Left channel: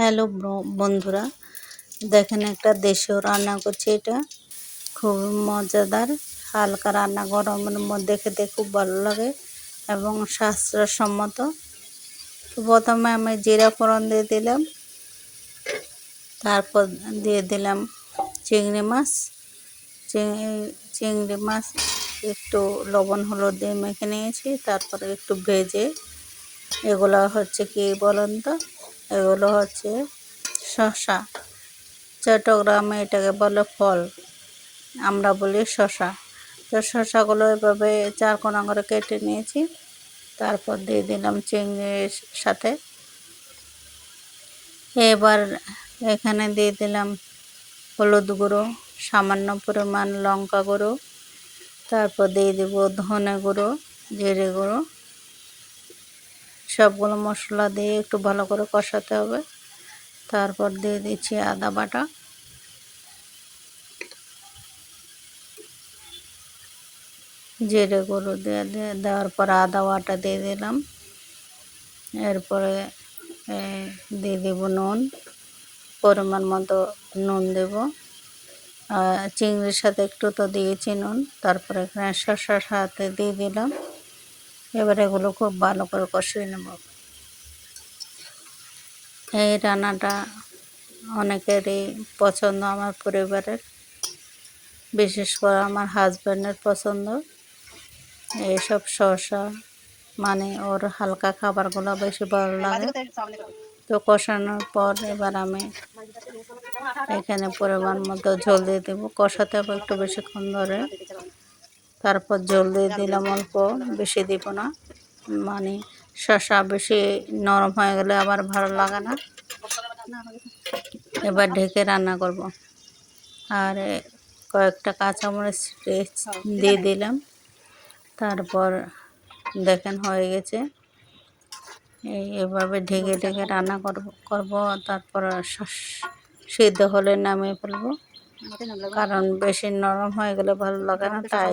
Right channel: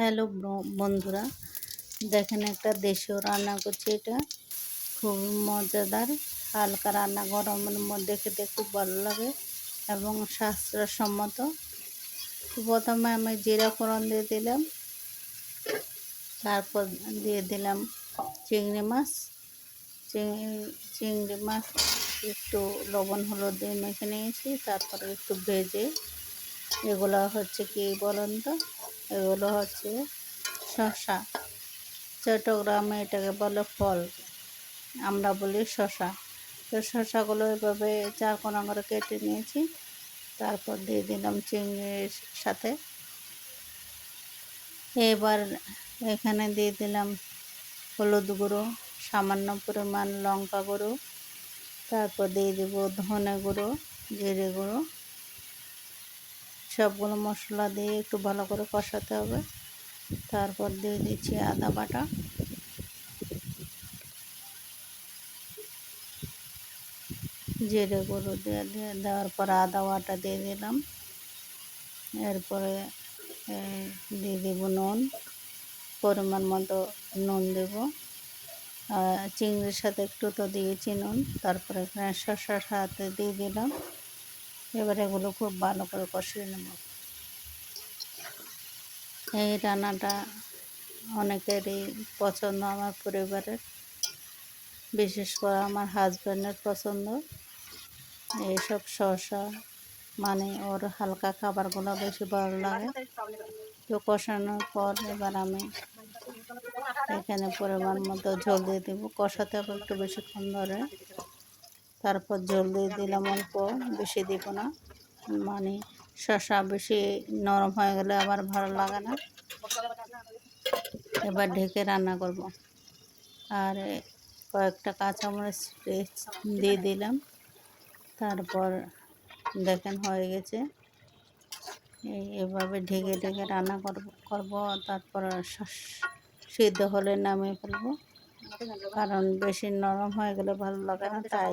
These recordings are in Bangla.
হ্যালো বন্ধুরা, দেখেন একটা দেশীয় রান্না করছি। এটা খুব মজাদার হালকা রান্না, গরমের মধ্যে খেতে খুব ভালো লাগে এবং স্বাস্থ্যসম্মত। তো প্রথমে আমি জিরা ফোড়ন দিয়ে দিলাম, তারপর দিয়ে দিলাম চিংড়ি মাছ। চিংড়ি মাছ একটু লবণ হলুদ দিয়ে মেখে নিয়েছি, তারপরে একটু ভেজে, এগুলো হচ্ছে কি বলুন তো, এগুলো হচ্ছে শসা। চট্টগ্রামে এটাকে বলে ফল, আমরা বলি শসা। তো শসাগুলো এভাবে চারকোনা করে কেটে নিয়েছি, তারপর দিয়ে দিলাম চিংড়ির সাথে। এবার এখানে দিয়ে দিলাম হলুদ গুঁড়ো, সামান্য পরিমাণ লঙ্কা গুঁড়ো, তারপর দিয়ে দেব ধনে গুঁড়ো, জিরে গুঁড়ো। সবগুলো মশলা দিয়ে একটু ভালো করে কষাতে হবে। তারপর দিয়ে দিচ্ছি আদা বাটা, জিরে গুঁড়ো দেওয়ার পর আদা বাটা দিয়ে দিলাম। এরপরে দিয়ে দেব নুন, পরিমাণ মতো নুন দেব। চিংড়ির সাথে একটু তো দিয়েছি নুন। তারপরে এখানে শসার সাথে দিয়ে দিলাম। এবার এগুলো খুব ভালো করে কষিয়ে নেব। এই রান্নাটা অনেকেরই পছন্দ, আমার পরিবারের, বিশেষ করে আমার হাজব্যান্ডের পছন্দ। এইসব শসা মানে ওর হালকা খাবারগুলো বেশি ভালো লাগে। তো কষানোর পর এবার আমি এখানে পরিমাণ মতো ঝোল দিয়ে দেবো। কষাতে হবে একটু বেশিক্ষণ ধরে। তারপর ঝোল দিয়ে দিলাম অল্প, বেশি দিব না, মানে শসা বেশি নরম হয়ে গেলে আবার ভালো লাগে না। এবার ঢেকে রান্না করব। আর কয়েকটা কাঁচামরিচ দিয়ে দিলাম। তারপর দেখেন হয়ে গেছে। এভাবে ঢেকে ঢেকে রান্না করব। তারপর সিদ্ধ হলে নামিয়ে ফেলবো, কারণ বেশি নরম হয়ে গেলে ভালো লাগে না। তাই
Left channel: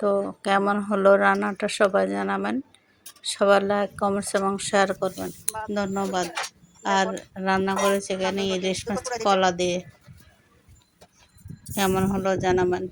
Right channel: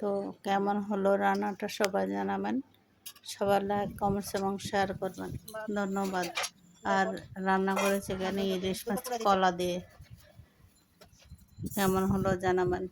তো কেমন হলো রান্নাটা সবাই জানাবেন। সবার লাইক, কমেন্টস এবং শেয়ার করবেন। ধন্যবাদ। আর রান্না করেছে এখানে ইলিশ মাছ কলা দিয়ে। কেমন হলো জানাবেন।